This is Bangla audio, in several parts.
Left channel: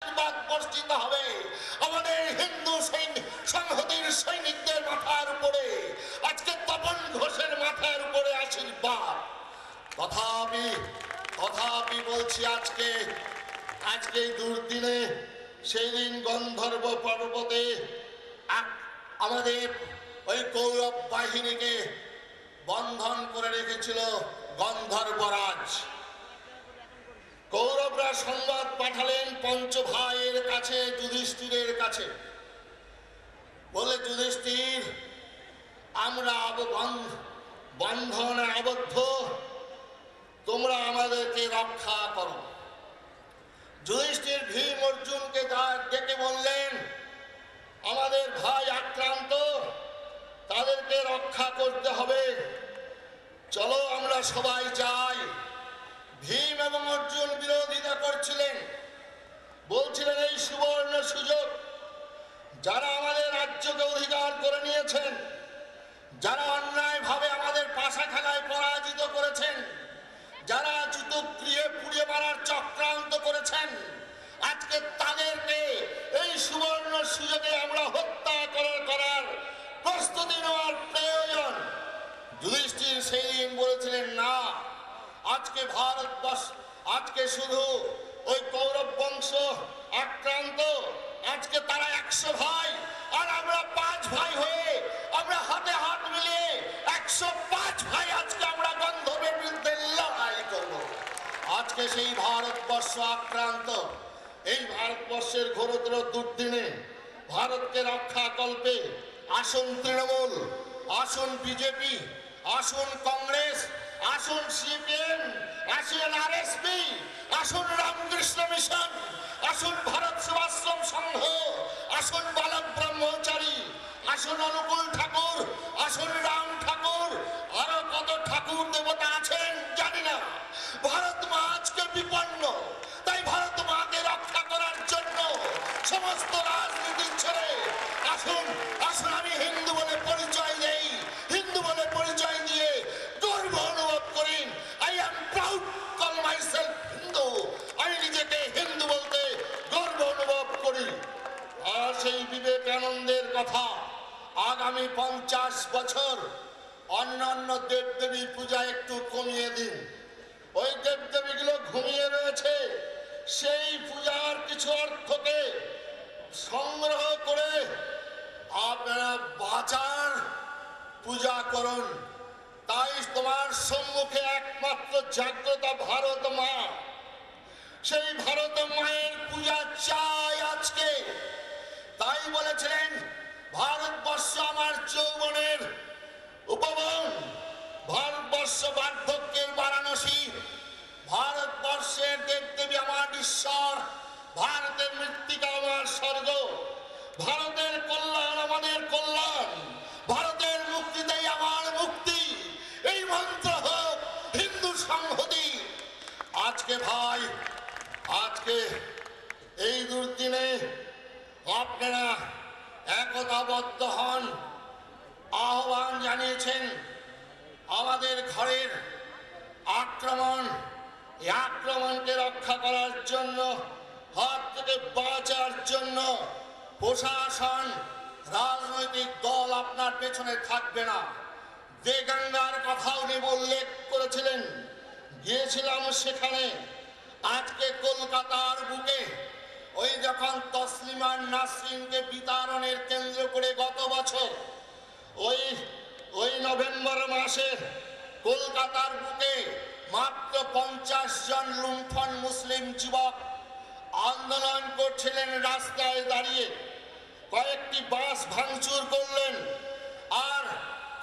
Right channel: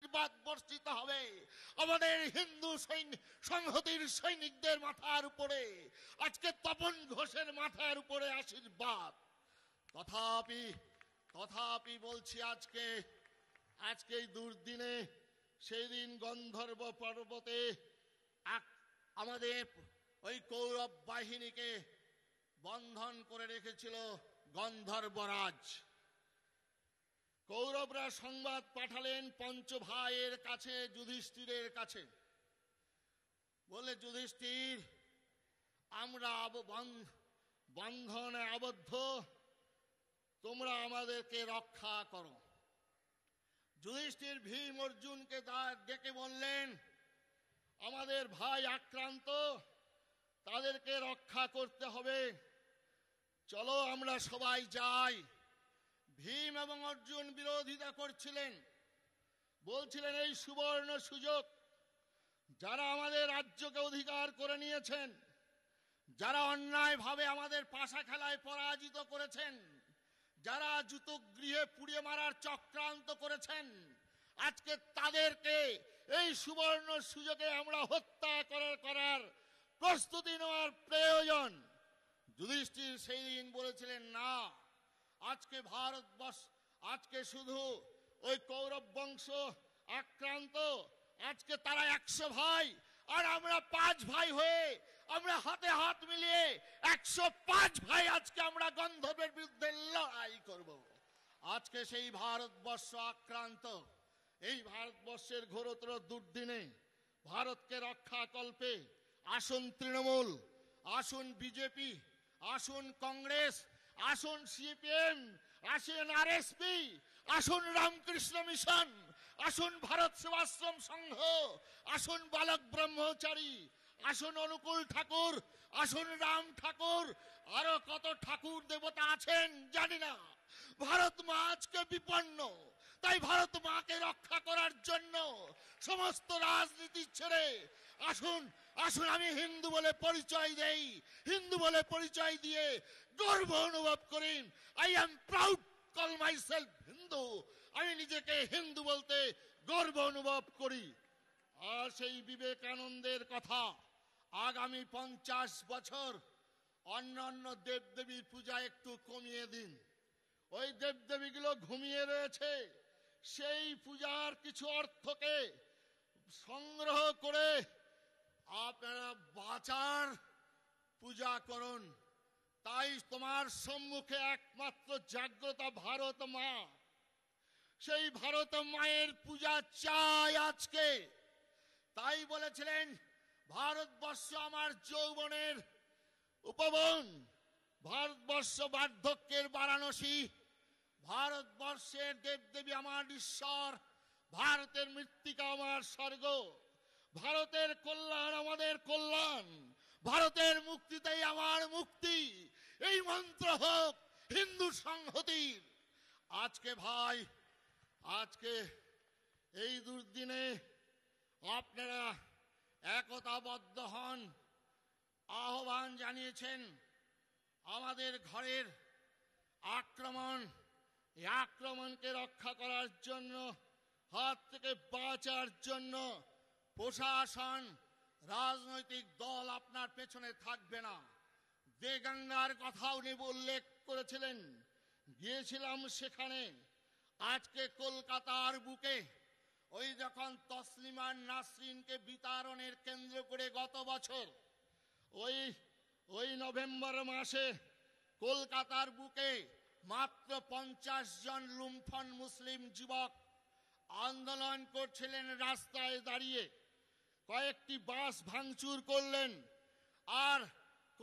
বর্ষিত হবে আমাদের হিন্দু সংহতির সৈনিকদের মাথার উপরে, আজকে তপন ঘোষের মাথার উপরে আশীর্বাদ। তথাপি বলছি, আজকে এই দুর্দিনে সেই দিন গন্ধর্ব পর্বতে আমাদের ওই কৌরব বাহিনীকে বন্ধন করে রেখেছিল গন্ধর্বরাজ। কৌরবরা সংবাদ পাঠালেন পঞ্চ ভাইয়ের কাছে, যুধিষ্ঠিরের কাছে, বলে যুধিষ্ঠির, আমরা বন্ধনে আবদ্ধ, তোমরা আমাদেরকে রক্ষা করো। যুধিষ্ঠির ভীম অর্জুনকে ডেকে বললেন, আমাদের ভাই আক্রান্ত, তাদেরকে রক্ষা করতে হবে, চলো আমরা সবাই যাই। ভীম এবং অর্জুন বিরোধিতা করছিলেন, বলছিলেন এই সুবর্ণ সুযোগ, যারা আমাদের রাজ্যকে অধিকার করে নিয়েছেন, যারা অন্যায় ভাবে আমাদের পাশা খেলায় পরাজিত করেছেন, যারা জুতো পুড়িয়ে মারার চক্রান্ত করেছেন, আজকে তাদেরকে এই সুবর্ণ সুযোগে আমরা হত্যা করার প্রস্তুতি নেওয়ার প্রয়োজন। যুধিষ্ঠির সেই দিন বলেছিলেন, না, আজকে ভারতবর্ষ, আজকে শুধু ওই কৌরব বংশ আক্রান্ত, আজকে তারা 100 ভাই আর আমরা 5 ভাই হয়ে আমরা হাতে হাত মিলিয়ে 105 ভাই আজকে আমরা গন্ধর্বের বিরুদ্ধে লড়াই করব। আজকে সেই ভারতবর্ষ আক্রান্ত, এই ভারতবর্ষের ঘোরতর দুর্দিনে ভারতকে রক্ষা কল্পে আসুন তৃণমূল, আসুন বিজেপি, আসুন কংগ্রেস, আসুন সিপিএম, আসুন আরএসপি, আসুন রামকৃষ্ণ মিশন, আসুন ভারত সেবাশ্রম সংঘ, আসুন বালক ব্রহ্মচারী, আসুন অনুকূল ঠাকুর, আসুন রাম ঠাকুর, আরো কত ঠাকুর দেবতা আছেন জানি না। ভারত মা আজকে বিপন্ন, তাই ভারত মাকে রক্ষা করার জন্য সমস্ত রাজনীতি ছেড়ে আসুন আমি হিন্দু বলে পরিচয় নেই, হিন্দু বলে পরিচয় দিয়ে গর্ব অনুভব করি। I am proud call myself Hindu, আমি নিজেকে হিন্দু বলতে গর্ব অনুভব করি। আর সেই বিবেকানন্দের কথা, আগামী 50 বছর অন্যান্য দেবদেবী পূজা একটু কমিয়ে দিন। ওই দেবদেবীগুলো ঘুমিয়ে রয়েছে, সেই পূজার কিছু অর্থকে সংগ্রহ করে আপনারা বাঁচার পূজা করুন। তাই তোমার সম্মুখে একমাত্র জাগ্রত ভারত মা, সেই ভারত মায়ের পূজা চাই আজকে। তাই বলেছিলেন, ভারতবর্ষ আমার যৌবনের উপবন, ভারতবর্ষ বার্ধক্যের বারাণসী, ভারতবর্ষের দেবদেবী আমার ঈশ্বর, ভারতের মৃত্তিকা আমার স্বর্গ, ভারতের কল্যাণ আমাদের কল্যাণ, ভারতের মুক্তিটাই আমার মুক্তি। এই মন্ত্র হোক হিন্দু সংহতি। আজকে ভাই, আজকে এই দুর্দিনে আপনারা একতাবদ্ধ হন, আহ্বান জানিয়েছেন। আমাদের ঘরের আক্রমণ, এই আক্রমণকে রক্ষা করার জন্য, হাত থেকে বাঁচার জন্য প্রশাসন, রাজনৈতিক দল আপনার পেছনে থাকবে না। বেগঙ্গার কথা উনি উল্লেখ করেছিলেন, গিয়েছিলাম সেখানে। আজকে কলকাতার বুকে ওই যখন তসলিমা নাসরিনকে বিতাড়নের কেন্দ্র করে গত বছর ওই নভেম্বর মাসে কলকাতার বুকে মাত্র 50 জন লুণ্ঠন মুসলিম যুবক আন্দোলন করছিলেন, রাস্তায় দাঁড়িয়ে কয়েকটি বাস ভাঙচুর করলেন। আর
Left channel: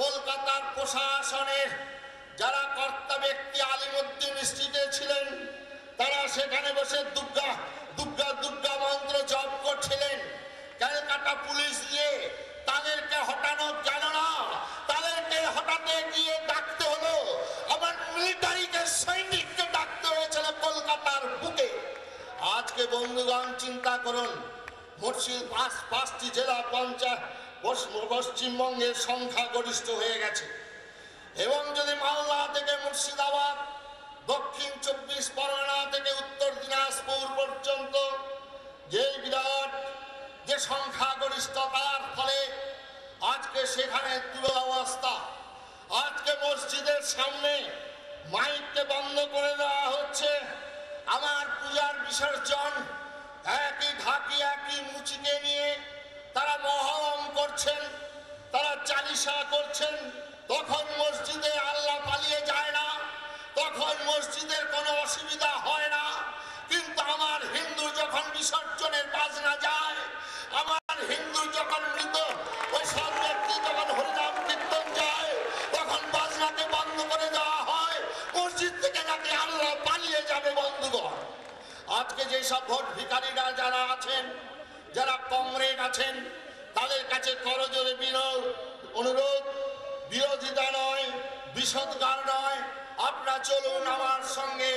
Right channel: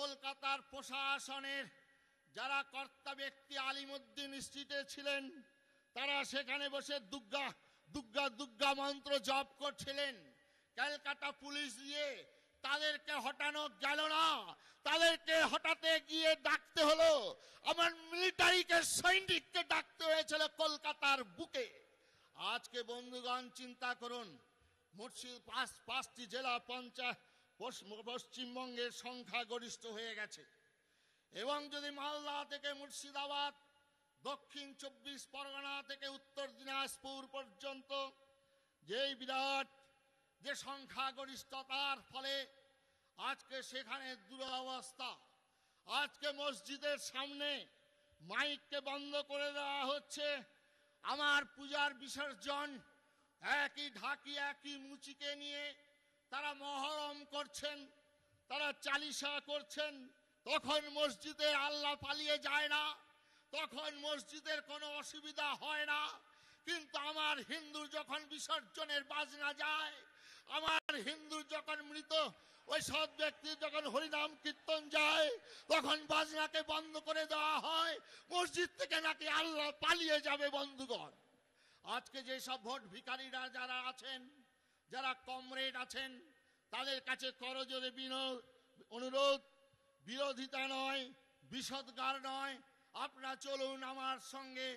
কলকাতার প্রশাসনের যারা কর্তা ব্যক্তি আলিমুদ্দিন স্ট্রিটে ছিলেন, তারা সেখানে বসে দুর্গা দুর্গা দুর্গা মন্ত্র জপ করছিলেন। ক্যালকাটা পুলিশ দিয়ে তাদেরকে হটানো গেল না, তাদেরকে হটাতে গিয়ে ডাকতে হলো আমার মিলিটারিকে, সৈনিককে ডাকতে হয়েছিল কলকাতার বুকে। আজকে বন্ধুগণ চিন্তা করুন, পাঁচটি জেলা পঞ্চায়েত পশ্চিমবঙ্গের সংখ্যা গরিষ্ঠ হয়ে গেছে, এবং যদি মালদা থেকে মুর্শিদাবাদ, দক্ষিণ 24 পরগনা থেকে উত্তর দিনাজপুর পর্যন্ত সংখ্যাগরিষ্ঠতার ফলে আজকে সেখানে দুরবস্থা। আজকে মসজিদের সামনে মাইককে বন্ধ করে দেওয়া হচ্ছে। আমার পূজার বিসর্জন একই ঢাকি একই মুচিকে নিয়ে তারা মহরম করছেন, তারা চালিসা করছেন। তখন মসজিদে আল্লাহ পালিয়ে যায় না, তখন মসজিদের কোনো অসুবিধা হয় না। কিন্তু আমার হিন্দু যখন বিসর্জনের বাজনা যায়, আমার হিন্দু যখন মৃত ওই সব ব্যক্তি যখন হরিনাম কীর্তন যায়, তখন বাজনাকে বন্ধ করে দেওয়া হয়। মসজিদ থেকে নাকি আল্লাহ পালিয়ে যাবে। বন্ধুগণ, আজকে যেসব ভোট ভিখারিরা যারা আছেন, যারা কমরেড আছেন, তাদের কাছে করজোরে অনুরোধ, বিরোধিতা নয়, বিষদগার নয়, আপনারা চলুন আমার সঙ্গে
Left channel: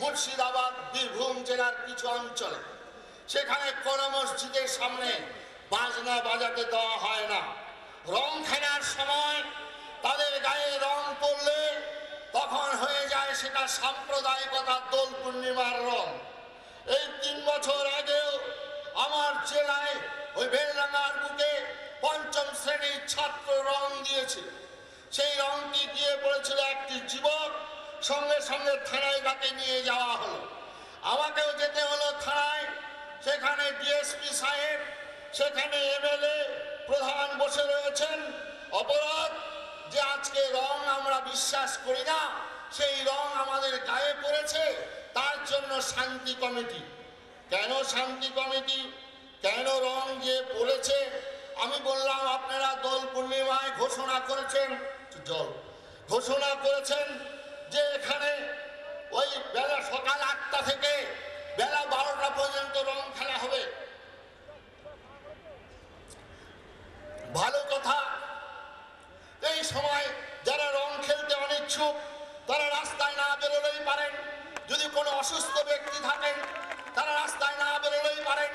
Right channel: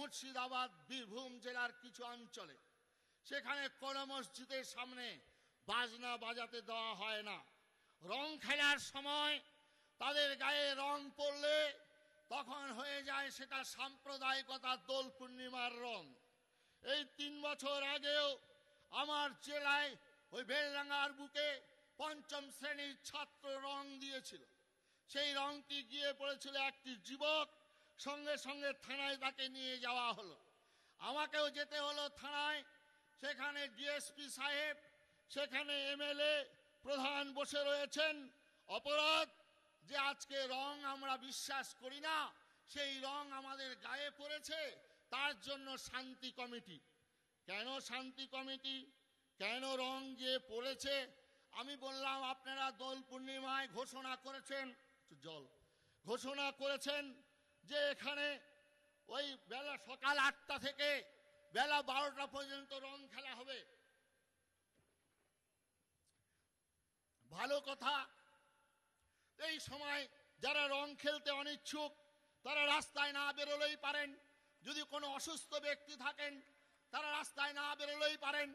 মুর্শিদাবাদ বীরভূম জেলার কিছু অঞ্চলে। সেখানে কোন মসজিদের সামনে বাজনা বাজাতে দেওয়া হয় না। রং খেলার সময় তাদের গায়ে রং পড়লে তখন হয়ে যায় সেটা সাম্প্রদায়িকতা, দোল পূর্ণিমার রং। এই 3 বছর আগেও আমার জেলায় ওই বেলডাঙ্গার বুকে 5ম শ্রেণীর ছাত্র রং দিয়েছে। সেই রংটি দিয়ে পড়েছিল একটি যুবক, সঙ্গে সঙ্গে থানায় তাকে নিয়ে যাওয়া হলো। আমাকেও যেতে হলো থানায়। সেখানে ডিএসপি সাহেব, সেখানে এমএলএ প্রধান বসে রয়েছেন। অপরাধ যে আজকে রং আমরা বিশ্বাস করি না, সেই রং আমাদের গায়ে পড়েছে, তার জন্য শান্তি কমিটি। কেন শান্তি কমিটি, কেন রং যে পড়েছে? আমি বললাম আপনারা দোল পূর্ণিমায় ঘোষণা করেছেন যে এখানে ওই বেলা সকাল 8টা থেকে বেলা 12টা পর্যন্ত রং খেলা হবে। ভালো কথা। এই সময় যারা রং খেলতে অনিচ্ছুক তারা রাস্তায় না বেরোলেই পারেন। যদি কোনো অসুস্থ ব্যক্তি থাকেন তারা রাস্তায় না বেরোলেই পারেন।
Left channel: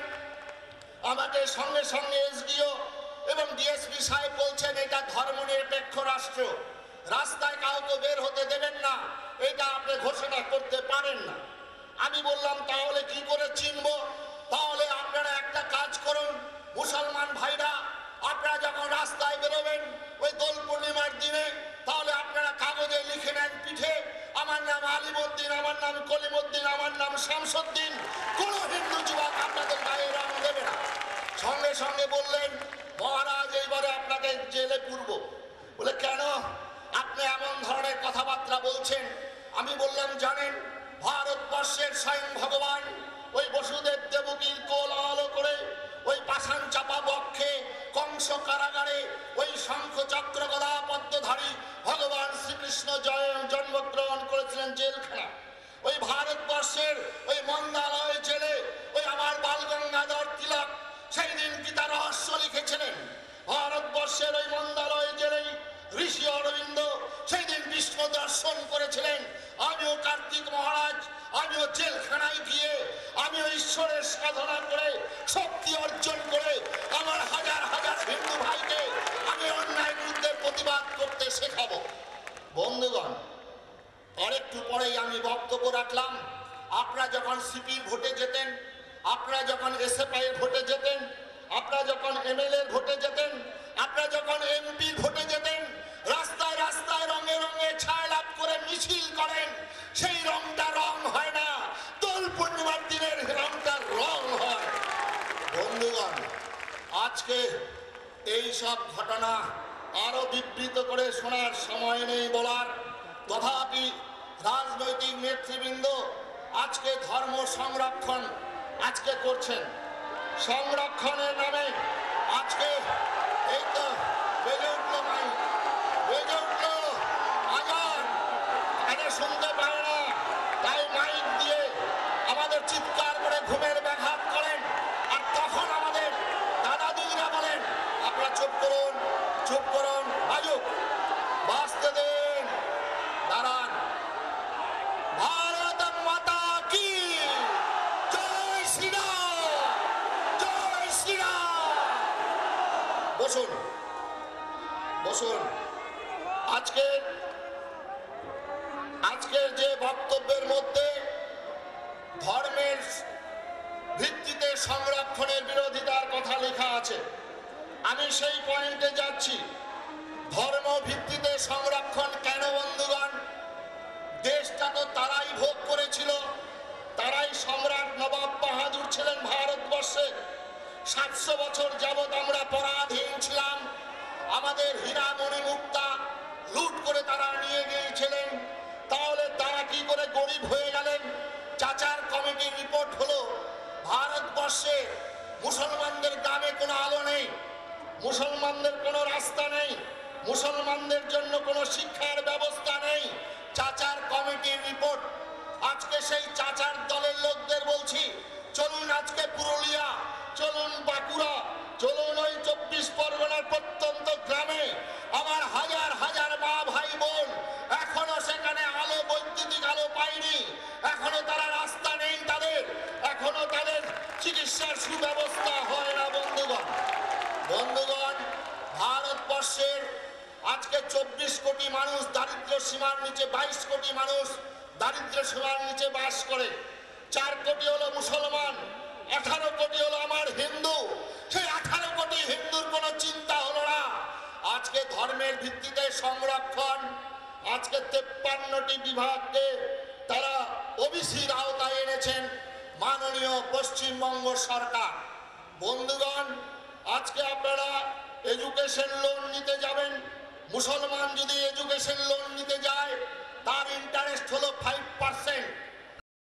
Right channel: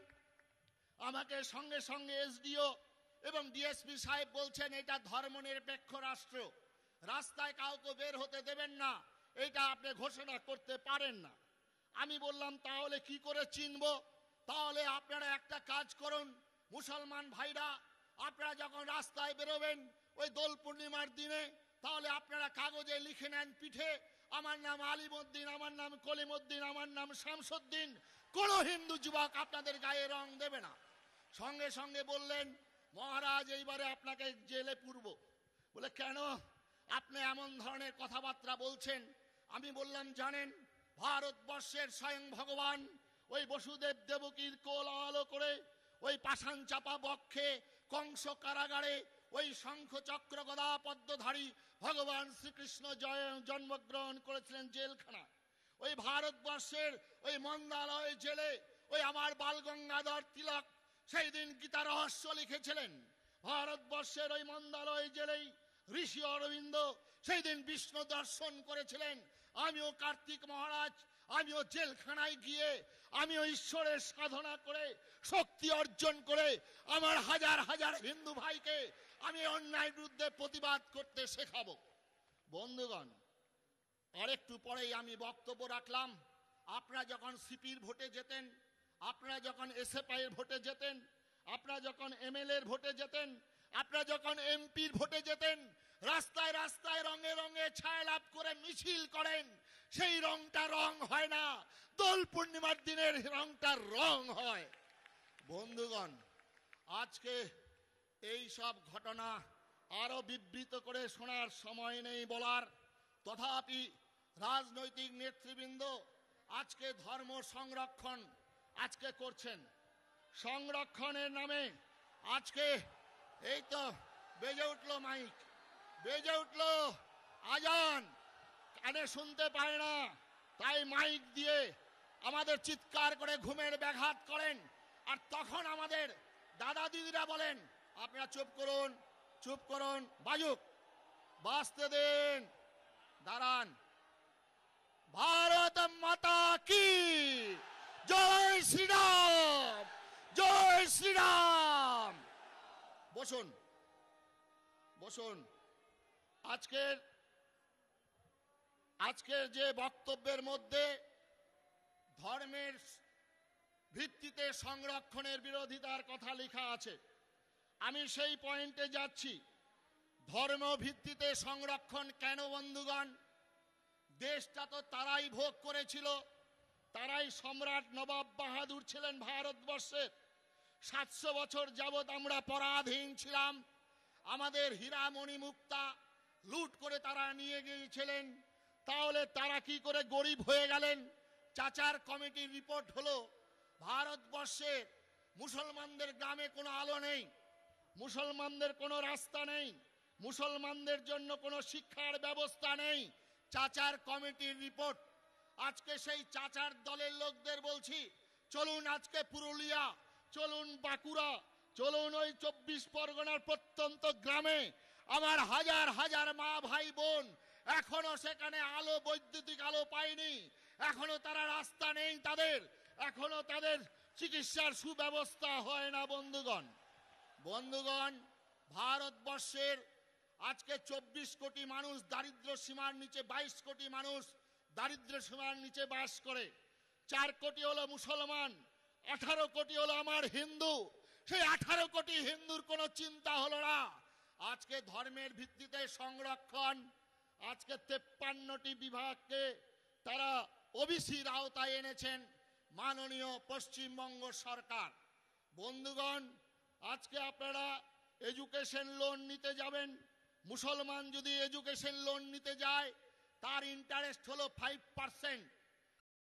আমাকে সঙ্গে সঙ্গে এসডিও এবং ডিএসপি সাহেব বলছেন এটা ধর্মনিরপেক্ষ রাষ্ট্র, রাস্তায় কাউকে বের হতে দেবেন না, এটা আপনি ঘোষণা করতে পারেন না। আমি বললাম তাহলে কি করে চিনব? তাহলে আপনারা একটা কাজ করুন, মুসলমান ভাইরা, আপনারা যখন রাস্তায় বেরোবেন ওই দোল পূর্ণিমার দিনে, তাহলে আপনারা কাগজে লিখে নেন পিঠে, আমার নাম আলিমউদ্দিন, আমার নাম কলিমউদ্দিন, আমার নাম শামসুদ্দিন। কোন হিন্দু যুবক আপনাদের গায়ে রং দেবে না। সঙ্গে সঙ্গে বললেন মহারাজ এইবারে আপনাকে জেলে পুরব। বলে কেন আপনি এমন ধরনের কথাবার্তা বলছেন? আমি বললাম জানেন ভারতবর্ষের স্বয়ং ভগবান ওই বসুদেব দেবকীর কোল আলো করে ওই পাষাণ চাপা বক্ষে কংস কারাগারে ওই শঙ্খ চক্র গদা পদ্মধারী ভগবান শ্রীকৃষ্ণ জন্মগ্রহণ করেছিলেন জেলখানা। ওই ভারতবর্ষের ওই মন্দালয় জেলে ওই আমার বাল গঙ্গাধর তিলক সেই দিন গীতা রহস্য লিখেছিলেন। ভারতবর্ষের ওই মন্দালয় জেলেই ঋষি অরবিন্দ সেই দিন বিষ্ণু দর্শন করেছিলেন। আমিও কার্তিক মহারাজ, আমিও জেলখানায় গিয়ে আমিও ঈশ্বরের সাধনা করে শক্তি অর্জন করে আমার হাজার হাজার হিন্দু ভাইকে আমি অন্যায় বিরুদ্ধে প্রতিবাদ করতে শেখাবো। বন্ধুগণ, আরেকটু পরেই আমি বক্তব্য রাখলাম। আপনারা যখন সিপি ভোটে যেতেন, আপনারা যখন এসএফআই ভোটে যেতেন, আপনারা যখন এমএলএ ভোটে যেতেন, আপনারা যখন এমপি ভোটে যেতেন, রাস্তায় রাস্তায় রঙে রঙে ছায়া লাভ করে মিছিল করেন। সেই রংটা রং হয় না, দোল পূর্ণিমার দিনের রংটা রং হয়। বন্ধুগণ, আজকে এই সব ঘটনা আরো বিবৃত করে শোনার সময় নেই বলার। তথাপি রাজনৈতিক নেতৃবৃন্দ আজকে ধর্ম সংরক্ষণ আজকে করছেন। সংরক্ষণের নামে আজকে এই তো বেজে উঠলো মাইক, বেজে উঠলো আজান, আরে শুনতে পারে না, তাই মাইক দিয়ে আমাদের চিৎকার করে ঘুমের ব্যাঘাত করেন। আর তখন আমাদের দাদা দিদিরা বলেন আপনারা চুপ করুন, চুপ করুন, আয়ুক বাঁচতে দিন, দাঁড়ান। ভারত মাতা কি জয় শ্রীরাম, জয় শ্রীরাম। বসুন, বসুন। আজকের যে বক্তব্যের মধ্যে ধর্মের ভিত্তিতে সংরক্ষণের বিরোধিতার কথা লেখা আছে, আমি সেই পয়েন্টে যাচ্ছি। ধর্ম ভিত্তিতে সংরক্ষণ কেন বন্ধুগণ? দেশটা তো তারাই ভোগ করেছিল, তারাই সম্রাট নবাব বাহাদুর ছিলেন ভারতবর্ষে। 700 বছর যাবৎ আমরা পরাধীন ছিলাম। আমাদের হীরা মণিমুক্তা লুট করে তারা নিয়ে গিয়েছিলেন। তাহলে তারা কি করে গরিব হয়ে গেলেন? চাচার কমিটির রিপোর্ট হলো ভারতবর্ষে মুসলমানদের গ্রামে কোনো আলো নেই, মুসলমানদের কোনো রাস্তা নেই, মুসলমানদের জন্য কোনো শিক্ষার ব্যবস্থা নেই। চাচার কমিটির রিপোর্ট। আজকে সেই চাচার দলের লোকদের বলছি, চলুন আজকে পুরুলিয়া, চলুন বাঁকুড়া, চলুন ওই 24 পরগনার প্রত্যন্ত গ্রামে। আমার হাজার হাজার মা ভাই বোন এখনো সেখানে আলো, বৈদ্যুতিক আলো পায়নি, এখনো তারা রাস্তা নেই তাদের, এখনো তাদের চিকিৎসার সুব্যবস্থা হয় না। বন্ধুগণ, ভারতবর্ষের আজকে 24 কোটি মানুষ দারিদ্র সীমার নিচে, 22 কোটি মানুষ দারিদ্র সীমার নিচে বাস করে। 4 কোটি হলো মুসলমান, 18 কোটি হলো আমার হিন্দু। সেই 18 কোটি হিন্দুর কোনো চিন্তা হলো না। আজকে ধর্মের ভিত্তিতে সংরক্ষণ, আজকে 53টি বিভাগকে তারা ওবিসির আওতায় এনেছেন মাননীয় পশ্চিমবঙ্গ সরকার। বন্ধুগণ, আজকে আপনারা এডুকেশন লোন নিতে যাবেন, মুসলমান যদি এডুকেশন লোন নিতে যায় তার ইন্টারেস্ট হলো 5%।